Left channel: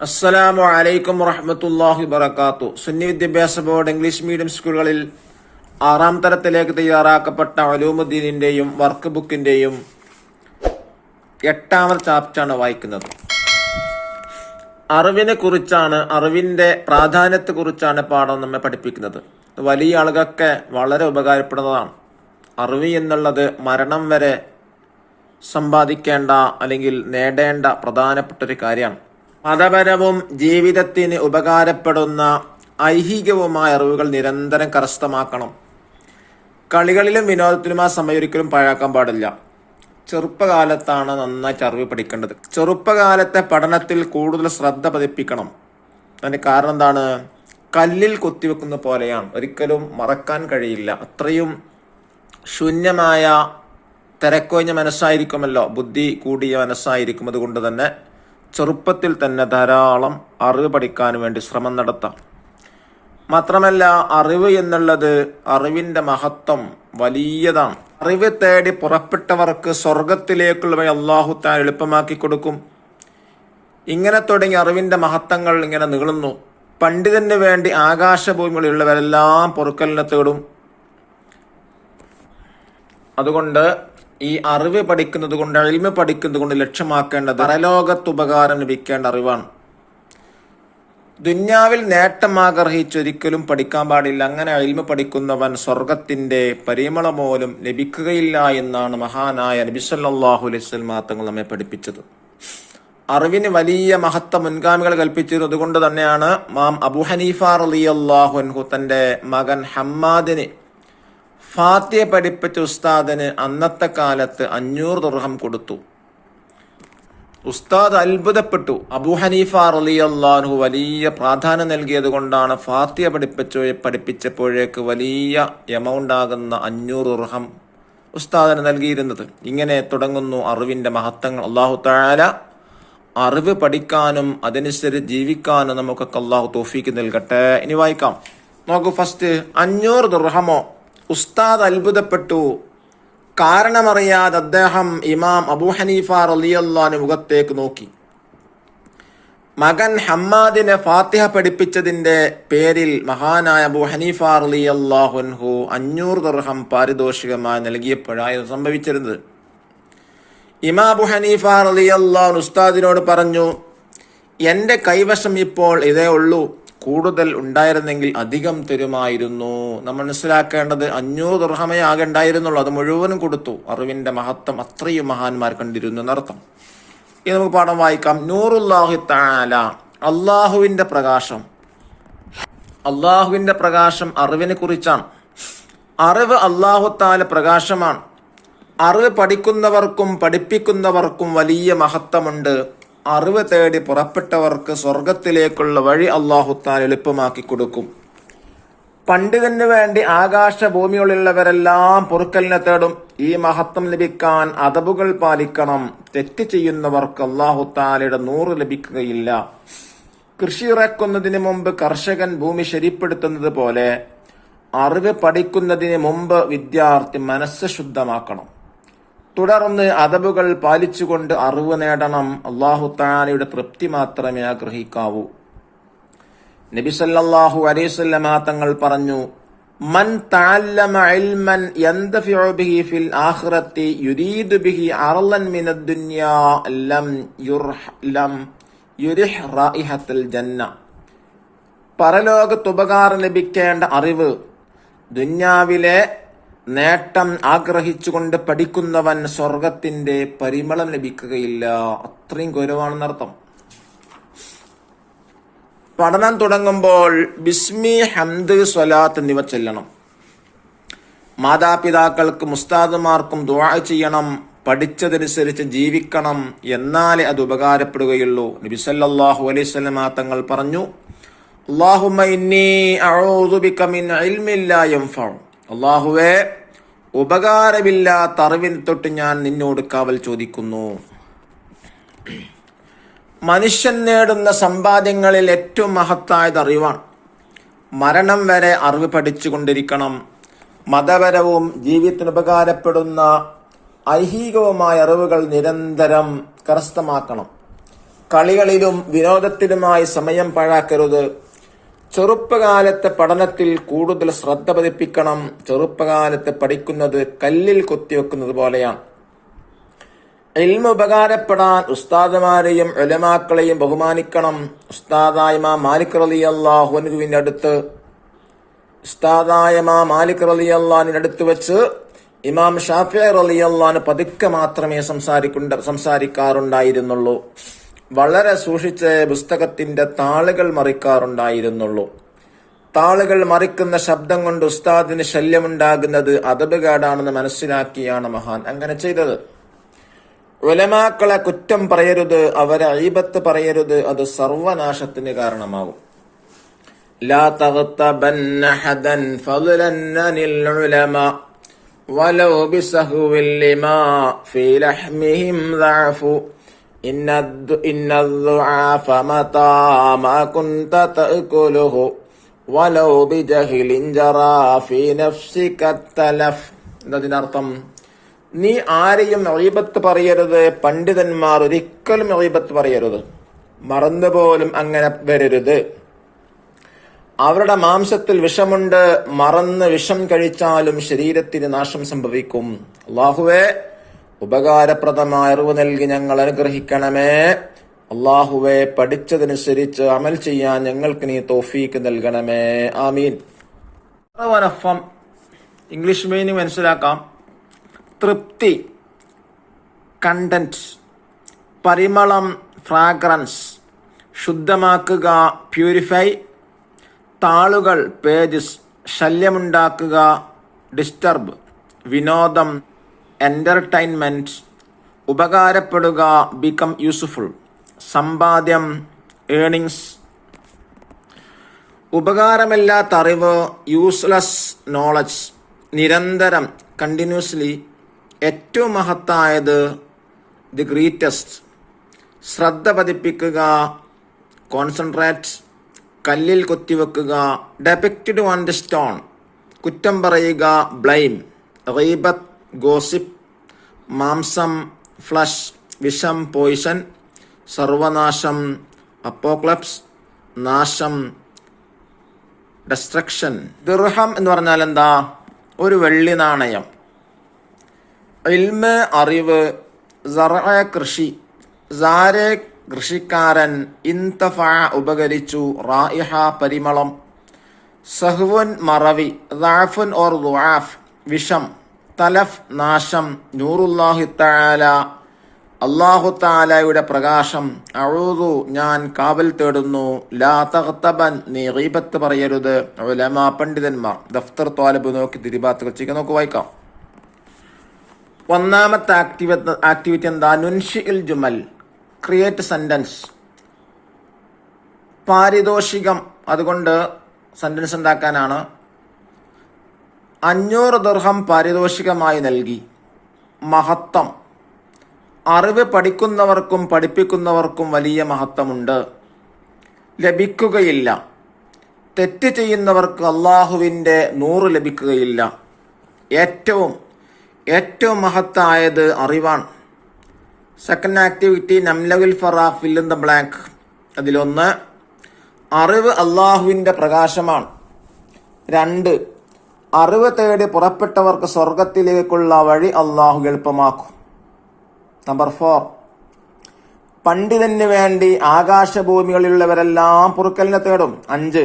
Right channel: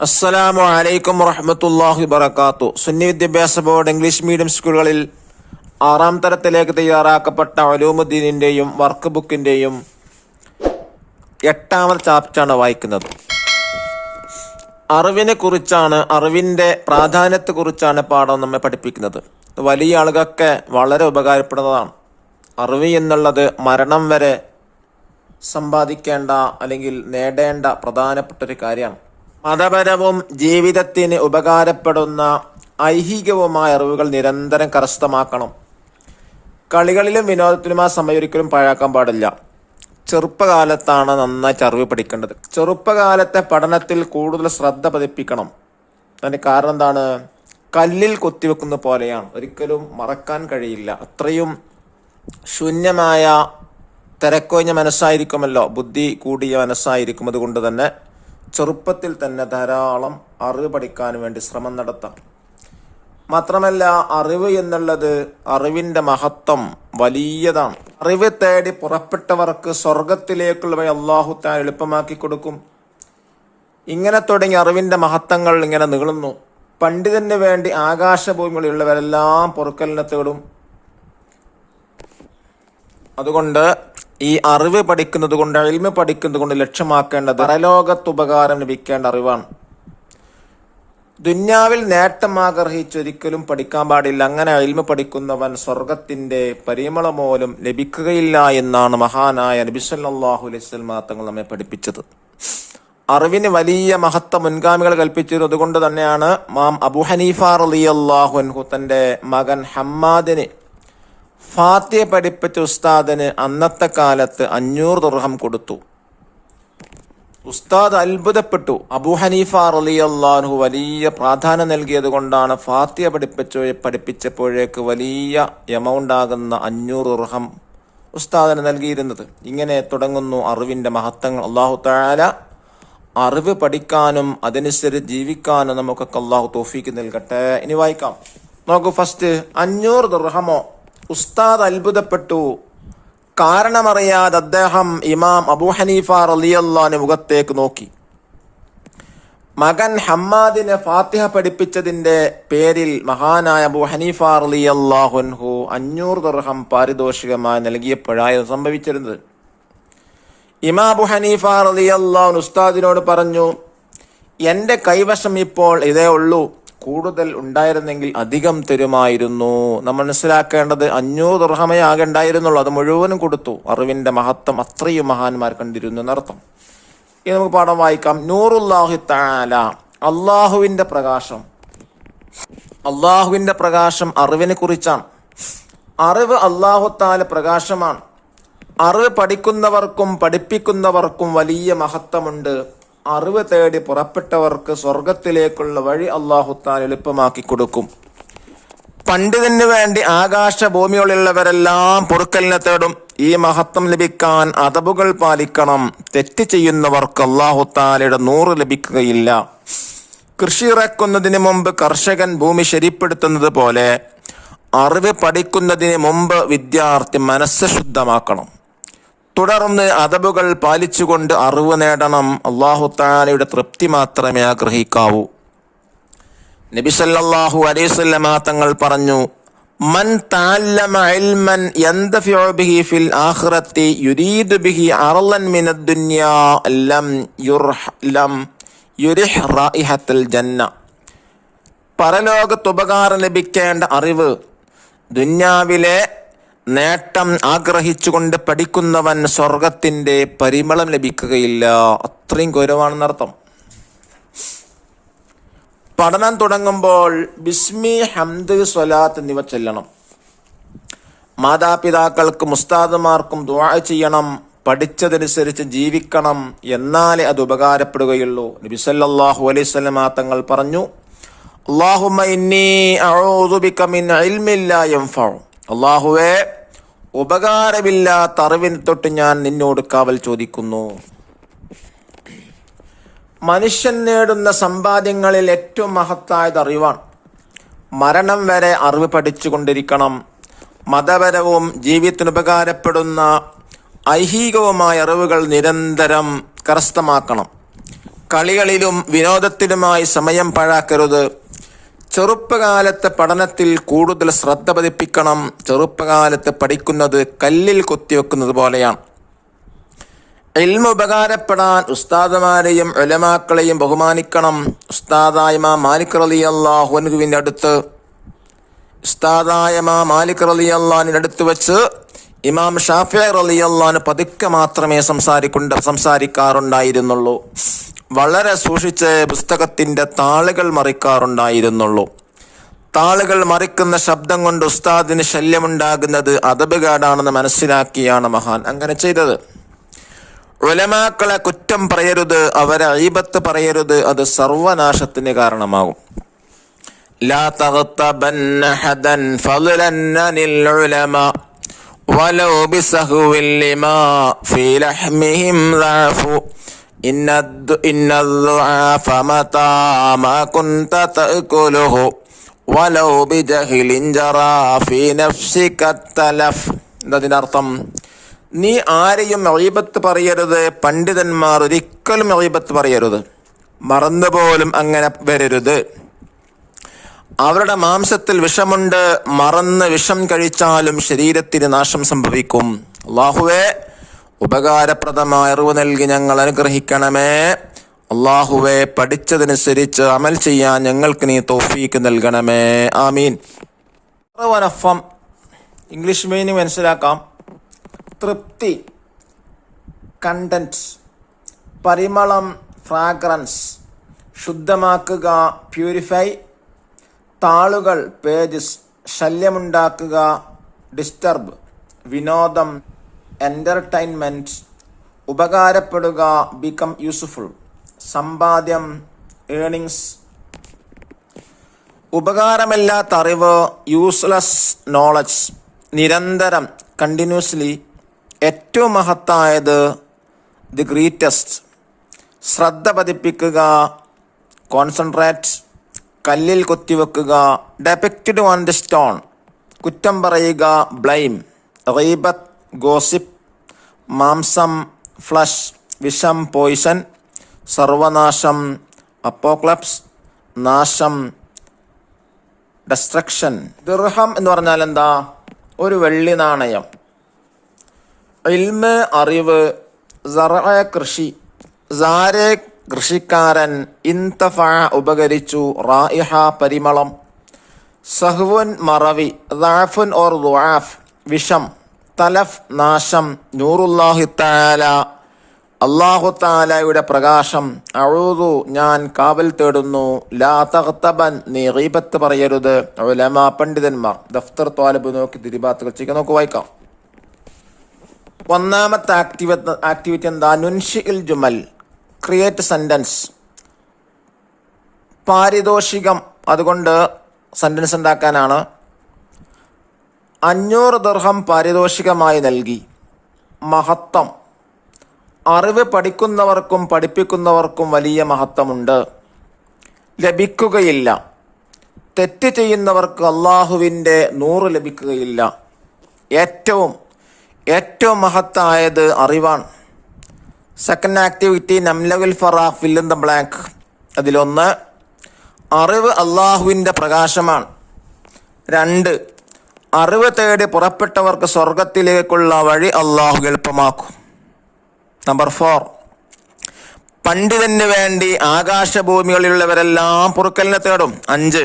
അസ്സലാമു അലൈക്കും വറഹ്മത്തുള്ളാഹി വബറകാതുഹു. സുന്നി വിദ്യാഭ്യാസ ബോർഡ് ഇംഗ്ലീഷ് മീഡിയം സ്കൂളുകളിൽ 6ാം തരത്തിലേക്ക് തയ്യാറാക്കപ്പെട്ട ഉലൂമുദ്ദീനിന്റെയും വർക്ക് ബുക്കിന്റെയും 8ാമത്തെ ചാപ്റ്ററാണ് വായിക്കുന്നത്. അറിവിനെ കുറിച്ചാണ്, അറിവിന്റെ പ്രാധാന്യത്തെ കുറിച്ചാണ് പാഠം നമ്മെ പഠിപ്പിക്കുന്നത്. വലിയ ആളുകൾക്ക് വളരെ ഉപകാരപ്പെടുന്നതാണ്. അറിവ് എന്നുള്ളത് മരണം വരെ സമ്പാദിക്കേണ്ട അല്ലെങ്കിൽ നേടേണ്ട പ്രധാനപ്പെട്ട ഒരു കാര്യമാണ്. മതപരവും ജീവിതത്തിന് ഉപകാരപ്പെടുന്ന ഐഹികവുമായ അറിവുകൾ നിരന്തരം കരസ്ഥമാക്കണം. കളികളിലും വിനോദത്തിലും ആ സമയം ഒരിക്കലും പാഴാക്കാൻ പാടില്ല. ചെറുപ്പകാലത്താണ് നന്നായിട്ട് അറിവ് പഠിക്കേണ്ടത്. ചെറുപ്പകാലത്തെ പഠനത്തിൽ കൂടുതൽ ശ്രദ്ധ പതിപ്പിക്കണം. അതിന് കാരണം എന്താണ്? കല്ലിൽ കൊത്തിവെക്കുന്ന പോലെയാണ്, ഒരിക്കലും മറക്കാൻ കഴിയില്ല. അത്രയും ശൂന്യമായ തിരക്കൊഴിഞ്ഞ മനസ്സായിരിക്കുമല്ലോ, ബുദ്ധി കൂടിയ മനസ്സായിരിക്കും. അതുകൊണ്ട് തന്നെ ചെറുപ്പത്തിൽ തന്നെ ധാരാളം അറിവ് പഠിക്കാൻ വേണ്ടി ശ്രമം നടത്താം. മാത്രമല്ല, അറിവ് എന്നുള്ളത്, അറിവിന്റെ മഹത്വം വലിയതാണ്. അറിവ് തേടി പുറപ്പെട്ടവർക്ക് സ്വർഗത്തിലേക്കുള്ള വഴി അല്ലാഹു തആല എളുപ്പമാക്കി കൊടുക്കും. ഇങ്ങനെ തുടങ്ങി അറിവിന്റെ മഹത്വങ്ങൾ ഇങ്ങനെ നീളുന്നു. പണ്ഡിതന് വേണ്ടി ആകാശഭൂമികളിലുള്ളവരെല്ലാം പൊറുക്കലിനെ തേടും. അതുകൊണ്ട് ഈ അറിവ് പഠിക്കുന്നത് കൊണ്ട്, ഇൽമ് പഠിക്കുന്നത് കൊണ്ട് ലക്ഷ്യമാക്കേണ്ടത് പരലോകത്ത് ഉപകാരം ലഭിക്കേണ്ട അറിവാണ്. ദുന്യാവിൽ നേട്ടം ആഗ്രഹിച്ചൊരിക്കലും പഠിക്കാൻ പാടില്ല. അങ്ങനെ ഇൽമ് പഠിക്കുന്നവൻ സ്വർഗത്തിന്റെ പരിമളം പോലും ലഭിക്കുകയില്ല എന്നാണ് മഹാനായ നബി സല്ലല്ലാഹു അലൈഹി വസല്ലം തങ്ങൾ നമ്മെ പഠിപ്പിച്ചത്. അറിവിന് വലിയ മഹത്വം മുൻഗാമികൾ കൽപ്പിച്ചിരുന്നു. അതുകൊണ്ട് തന്നെയാണ് ഇമാം അബൂ ഹനീഫ റളിയല്ലാഹു അൻഹു തന്റെ മകൻ ഹമ്മാദിന് ഫാത്തിഹ പഠിപ്പിച്ച ഉസ്താദിന് അന്നത്തെ കാലത്ത് 500 ദിർഹം കൊടുത്തു. ഉസ്താദ് അത്ഭുതപ്പെട്ടു. അബൂ ഹനീഫ റളിയല്ലാഹു അൻഹു വലിയ പ്രാധാന്യം നൽകിയത് കൊണ്ടാണ് ഫാത്തിഹ പഠിപ്പിച്ചപ്പോഴേക്ക് വലിയ എമൗണ്ട് ആകുന്ന 500 ദിർഹം ഉസ്താദിന് നൽകിയിരുന്നത്. ഇങ്ങനെ തുടങ്ങുന്നു അറിവിന്റെ മഹത്വങ്ങൾ. അല്ലാഹു തആല അറിവ് പഠിക്കാനും അതനുസരിച്ച് ജീവിക്കാനും നമുക്കൊക്കെ അല്ലാഹു തൗഫീഖ് നൽകട്ടെ. ഇനി വായിക്കാം. നോക്കൂ, ഫസ്റ്റ് 500 ദിർഹമോ? ഉസ്താദ് അത്ഭുതപ്പെട്ടു. കാരണമറിയാതെ അദ്ദേഹം ഇമാം അബൂ ഹനീഫ റളിയല്ലാഹു അൻഹു മുഖത്തേക്ക് നോക്കി. മകൻ ഹമ്മാദിനെ ഫാത്തിഹ പഠിപ്പിച്ചതിന്റെ പേരിൽ മഹാനായ അബൂ ഹനീഫ റളിയല്ലാഹു അൻഹു 500 ദിർഹം പാരിതോഷികമായി നൽകിയപ്പോഴായിരുന്നു സംഭവിച്ചിരുന്നത്. ഇമാം അബൂ ഹനീഫ റളിയല്ലാഹു അൻഹു ഉസ്താദിനോട് പറഞ്ഞു, എന്റെ കൈവശം ഇപ്പോൾ ഇതേ ഉള്ളൂ, കൂടുതൽ ഉണ്ടായിരുന്നെങ്കിൽ അധികം തരുമായിരുന്നു. നമ്മൾ മനസ്സിലാക്കേണ്ടത് 500 ദിർഹമേ ആകെ ഉണ്ടായിരുന്നുള്ളൂ, അത് മുഴുവനും കൊടുത്തു. അറിവിന്റെ മഹത്വം അത്രയും മഹാന്മാർ കണ്ടിരുന്നു എന്നർത്ഥം. ഇനി നമുക്ക് പാഠം വായിക്കാം. നൂറുല്ലാഹി തആല, അള്ളാഹുവിന്റെ പ്രകാശം. അള്ളാഹുവിന്റെ പ്രകാശം അറിവിനെ കുറിച്ചാണ്. അറിവ് അല്ലാഹു തആല പ്രകാശമാണ്. അറിവ് പഠിക്കുന്നവർക്കും പഠിപ്പിക്കുന്നവർക്കും വലിയ മഹത്വമുണ്ട്. അറിവ് തേടി പുറപ്പെട്ടവർക്ക് സ്വർഗത്തിലേക്കുള്ള വഴി അല്ലാഹു തആല എളുപ്പമാക്കി കൊടുക്കും. പണ്ഡിതന് വേണ്ടി ആകാശഭൂമികളിലുള്ളവരെല്ലാം പൊറുക്കലിനെ തേടും. ഈ മഹത്വം ലഭിക്കാൻ അദബുകൾ പാലിക്കണം. തെറ്റ് ചെയ്യുന്നവർക്ക് അല്ലാഹു തആലയുടെ 100 ലഭിക്കുകയില്ല. കൃഷി ഇറക്കുന്നതിന് മുമ്പ് കർഷകൻ ഭൂമി ശരിപ്പെടുത്തുന്നത് പോലെ അറിവ് പഠിക്കുന്നതിന് മുമ്പ് വിദ്യാർത്ഥി മനസ്സ് ശുദ്ധമാക്കണം. തുടർന്ന് അദബുകൾ പാലിച്ചുകൊണ്ട് അറിവ് നേടണം. അല്ലാഹു തആലയുടെ തൃപ്തി മാത്രമേ ആഗ്രഹിക്കാവൂ. നബി സല്ലല്ലാഹു അലൈഹി വസല്ലം തങ്ങൾ പറഞ്ഞു, മൻ തഅല്ലമ ഇൽമൻ യന്തഫിഉ ബിഹി ഫിൽ ആഖിറതി യുരീദു ബിഹി അർളൻ മിനദ് ദുനിയാ ലം യുരിഹ് റായിഹത്തുൽ ജന്ന. പരലോകത്ത് ഉപകാരം ലഭിക്കേണ്ട അറിവ്, ദുനിയാവിലെ നേട്ടം ആഗ്രഹിച്ചുകൊണ്ട് പഠിക്കുന്നവൻ സ്വർഗത്തിന്റെ പരിമളം ലഭിക്കുകയില്ല. അത്രയും ഗൗരവമാണെന്നർത്ഥം. പഠനം തുടങ്ങുമ്പോൾ ബിസ്മി, ഹംദ്, സ്വലാത്ത് എന്നിവ ചൊല്ലണം. മാതാപിതാക്കൾക്കും ഉസ്താദുമാർക്കും ദുആ ചെയ്യണം. പഠിച്ചതനുസരിച്ച് ജീവിക്കണം. എന്നാലേ അത് ഉപകാരപ്പെടുകയുള്ളൂ. നബി സല്ലല്ലാഹു അലൈഹി വസല്ലം തങ്ങൾ പറഞ്ഞു, അല്ലാഹുമ്മ ഇന്നി അഊദു ബിക മിൻ ഇൽമിൻ ലാ യൻഫഉ. അല്ലാഹുവേ, ഉപകാരമില്ലാത്ത അറിവിനെ തൊട്ട് ഞാൻ നിന്നോട് കാവൽ ചോദിക്കുന്നു. മനുഷ്യൻ നേടുന്ന സമ്പാദ്യങ്ങളിൽ ഏറ്റവും മഹത്തായത് അറിവാണ്. മരണം വരെ അറിവ് പഠിച്ചുകൊണ്ടിരിക്കണം. മതപരവും ജീവിതത്തിന് ഉപകാരപ്പെടുന്ന ഐഹികവുമായ അറിവുകൾ നിരന്തരം കരസ്ഥമാക്കണം. കളികളിലും വിനോദത്തിലുമായി സമയം പാഴാക്കരുത്. ചെറുപ്പകാലത്തെ പഠനത്തിൽ കൂടുതൽ ശ്രദ്ധ പതിപ്പിക്കണം. ചെറുപ്പകാലത്ത് പഠിക്കുന്നത് കല്ലിൽ കൊത്തിവെക്കുന്നത് പോലെയാണ്. ഇൽമു ഉപകാരപ്പെടാൻ ഉസ്താദുമാരെയും ഉലമാക്കളെയും ബഹുമാനിക്കണം. ഉസ്താദായ ഇമാം മാലിക് റളിയല്ലാഹു അൻഹുവിന്റെ അടുത്ത് അടുത്ത് വെച്ച് ഇമാം ഷാഫിഈ റളിയല്ലാഹു അൻഹു പതുക്കെ മാത്രമേ സംസാരിക്കാറുണ്ടായിരുന്നുള്ളൂ. വളരെ സൂക്ഷിച്ച് പുസ്തകത്തിന്റെ താളുകൾ മറിക്കാറുണ്ടായിരുന്നുള്ളൂ. താളുകൾ മറിക്കുന്ന ശബ്ദം കൊണ്ട് ഉസ്താദിന് ശല്യമുണ്ടാകുന്നത് അദബുകേടാണെന്ന് മനസ്സിലാക്കിയാണ് മഹാൻ അങ്ങനെ ചെയ്തത്. ഉലമാക്കളെ കുറ്റം പറയരുത്, അവരെ ഗീബത്ത് പറയരുത്, അത് സർവനാശത്തിന് കാരണമാകും. ലാ തഗ്തബന്ന ഹദൻ ഫളൻ അനിൽ ഉലമാ വലൗ ബിസഹ്വിൽ ലിമാ ഫീ ലഹ്മിഹിം ദഅഫു ഇന്നദ്ദുആഫ മതാ മാ കുൻത തഅകുലുഹു വലൗ ബിജഹ്ലിൻ ജറാ ഫീ നഫ്സിക തലഫ്. എന്നതിനർത്ഥം നീ ആരെയും ഗീബത്ത് പറയരുത്. പണ്ഡിതന്മാർ ഒരിക്കലും ഗീബത്ത് പറയരുത്. മറന്നുപോലും അങ്ങനെ വരരുത്. അവരുടെ മാംസത്തിൽ വിഷമുണ്ട്. മറന്ന് വിഷം കഴിച്ചാലും ശരീരത്തിന് നാശം സംഭവിക്കും. അല്ലാഹുവേ, ഉപകാരപ്രദമായ അറിവ് നൽകി ഞങ്ങൾ അനുഗ്രഹിക്കണമേ. അല്ലാഹുവേ, പഠിച്ചതനുസരിച്ച് അമൽ ചെയ്യാൻ ഞങ്ങൾക്ക് നീ തൗഫീക്ക് നൽകണമേ. ആമീൻ. ഇംഗ്ലീഷ് മീനിങ് മനസ്സിലാക്കാം. തൃപ്തി, കണ്ടന്റ്, പരിമളം, ഫ്രാഗ്രൻസ്, ശുദ്ധമാക്കുക, പ്യൂരിഫൈ, താളുകൾ, പേജസ്, ശല്യമുണ്ടാക്കുക, ഡിസ്റ്റർബ്, വിനോദം, എന്റർടൈൻമെന്റ്, ഉപകാരപ്പെടുക, ബിക്കം യൂസ്ഫുൾ, സമ്പാദ്യം, ഏണിങ്സ്, ഉപകാരമില്ലാത്ത അറിവ്, യൂസ്ലെസ് നോളജ്, നിരന്തരം, കണ്ടിന്യൂസ്ലി, ഏറ്റവും മഹത്തായത്, ദി ഗ്രേറ്റസ്റ്റ്, ശ്രദ്ധ പതിപ്പിക്കുക, കോൺസെൻട്രേറ്റ്, കല്ലിൽ കൊത്തിവെക്കുക, ഡെപിക്റ്റഡ് ഓൺ ദി സ്റ്റോൺ, കുറ്റം പറയുക, ബ്ലെയിം, ഗീബത്ത്, ഗോസിപ്പ്, മാംസം, ഫ്ലഷ്, വിഷം, പോയിസൺ, സർവനാശം, അപ്പോക്ലപ്സ്, നാശം, ഡെസ്ട്രക്ഷൻ. ദിർഹം എന്ന് പറഞ്ഞാൽ എന്താ? ഒരു വെള്ളി നാണയം. ഇൽമ്, അറിവ്, സറഅ, കൃഷി, സാരെ, കൃഷിക്കാരൻ, ഇൻതഫ, ഉപകരിച്ചു, റായിഹ, പരിമളം, സഹ്വുൻ, മറവി, ദഅഫുൻ ഓർ ദുആഫ്, വിഷം, തലഫ്, നാശം, നൂറുല്ലാഹി തആല, അല്ലാഹു തആലയുടെ പ്രകാശം, അഊദു, ഞാൻ കാവൽ തേടുന്നു, ലാ തഗ്തബൻ, നീ ഗീബത്ത് പറയരുത്, ഉലമാ, പണ്ഡിതന്മാർ. ദഫ്തർ ത്വാലിബ് നോക്കി തിരിബാത്തുകൾ ചെയ്യുക. നോക്ക് വായിക്കാം. ഒന്നാമത്തെ ആക്ടിവിറ്റി എന്താ? നുൻഷിഇൽ ജുമൽ, ക്രിയേറ്റ് സെന്റൻസ്. പാരിതോഷികം, അതുകൊണ്ട് സെന്റൻസ് ഉണ്ടാക്കാനാണ്. 500 ദിർഹം പാരിതോഷികമായി നൽകി. മഹത്വം, അറിവ് പഠിക്കുന്നവർക്കും പഠിപ്പിക്കുന്നവർക്കും വലിയ മഹത്വമുണ്ട്. ലഭിക്കുകയില്ല. തെറ്റ് ചെയ്യുന്നവർക്ക് അള്ളാഹുവിൻ്റെ 100 ലഭിക്കുകയില്ല. ഏറ്റവും മഹത്തായത് അറിവാണ്. സെക്കൻഡ് ആക്ടിവിറ്റി നംലവിൽ ഫറാഖ്, ഫിൽ ഇൻ ദ ബ്ലാങ്ക്. അതിലൊന്ന്, അറിവ് അള്ളാഹുവിൻ്റെ പ്രകാശമാണ്. 2, അറിവ് തേടി പുറപ്പെട്ടവർക്ക് സ്വർഗത്തിലേക്കുള്ള വഴി അള്ളാഹു എളുപ്പമാക്കും. നമ്പർ 4, പണ്ഡിതന് വേണ്ടി ആകാശഭൂമികളിലുള്ളവരെല്ലാം പൊറുക്കലിനെ തേടും. 5,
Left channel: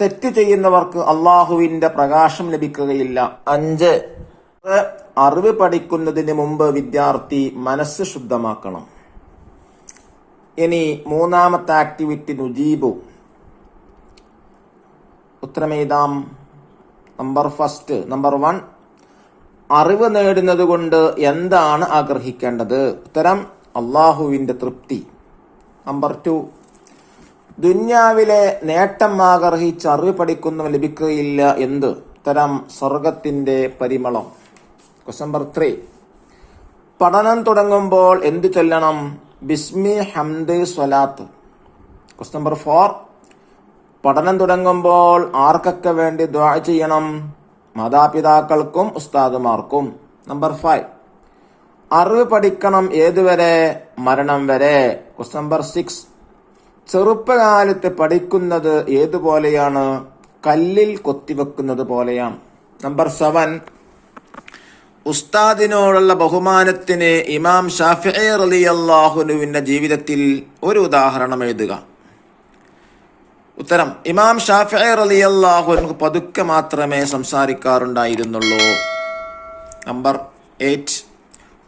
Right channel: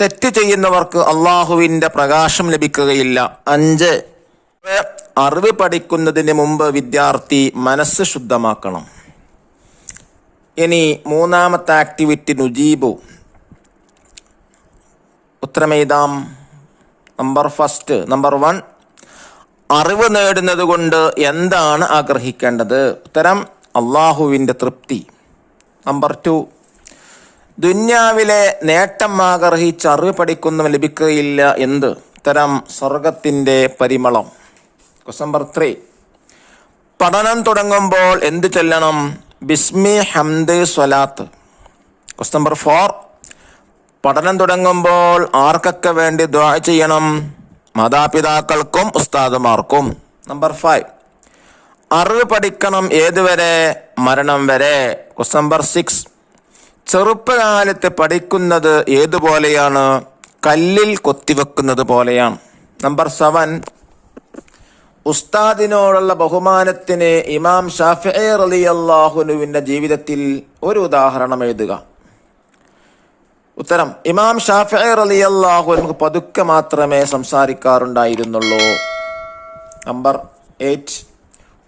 തെറ്റ് ചെയ്യുന്നവർക്ക് അള്ളാഹുവിൻ്റെ പ്രകാശം ലഭിക്കുകയില്ല. 5, അറിവ് പഠിക്കുന്നതിന് മുമ്പ് വിദ്യാർത്ഥി മനസ്സ് ശുദ്ധമാക്കണം. ഇനി മൂന്നാമത്തെ ആക്ടിവിറ്റി നുജീബു, ഉത്തരമെഴുതാം. നമ്പർ 1, അറിവ് നേടുന്നത് കൊണ്ട് എന്താണ് ആഗ്രഹിക്കേണ്ടത്? ഉത്തരം, അള്ളാഹുവിൻ്റെ തൃപ്തി. നമ്പർ 2, ദുന്യാവിലെ നേട്ടം ആഗ്രഹിച്ച് അറിവ് പഠിക്കുന്നവൻ ലഭിക്കുകയില്ല. എന്ത്? ഉത്തരം, സ്വർഗത്തിൻ്റെ പരിമളം. നമ്പർ 3, പഠനം തുടങ്ങുമ്പോൾ എന്ത് ചൊല്ലണം? ബിസ്മി, ഹംദ്, സ്വലാത്ത്. നമ്പർ 4, പഠനം തുടങ്ങുമ്പോൾ ആർക്കൊക്കെ വേണ്ടി ദുആ ചെയ്യണം? മാതാപിതാക്കൾക്കും ഉസ്താദുമാർക്കും. നമ്പർ 5, അറിവ് പഠിക്കണം ഏതുവരെ? മരണം വരെ. ക്വസ്റ്റ്യൻ നമ്പർ 6, ചെറുപ്പകാലത്ത് പഠിക്കുന്നത് ഏതുപോലെയാണ്? കല്ലിൽ കൊത്തിവെക്കുന്നത് പോലെയാണ്. നമ്പർ 7, ഉസ്താദിനോടുള്ള ബഹുമാനത്തിന് ഇമാം ഷാഫിഈ റളിയല്ലാഹു അൻഹുവിന്റെ ജീവിതത്തിൽ ഒരു ഉദാഹരണം എഴുതുക. ഉത്തരം: ഇമാം ഷാഫിഈ റളിയല്ലാഹു അൻഹു പതുക്കെ മാത്രമേ സംസാരിക്കാറുണ്ടായിരുന്നുള്ളൂ. നമ്പർ 8,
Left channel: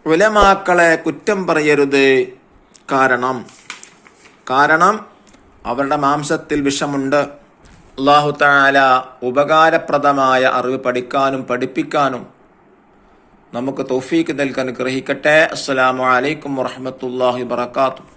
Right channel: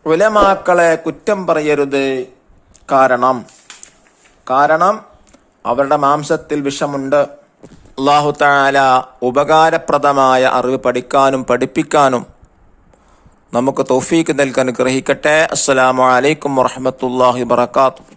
ഉലമാക്കളെ കുറ്റം പറയരുത്. കാരണം അവരുടെ മാംസത്തിൽ വിഷമുണ്ട്. അല്ലാഹു തആല ഉപകാരപ്രദമായ അറിവ് പഠിക്കാനും പഠിപ്പിക്കാനും നമുക്ക് തൗഫീക്ക് നൽകാൻ അനുഗ്രഹിക്കട്ടെ. അസ്സലാമു അലൈക്കും വറഹ്മത്തുള്ളാഹി വബറകാതുഹു.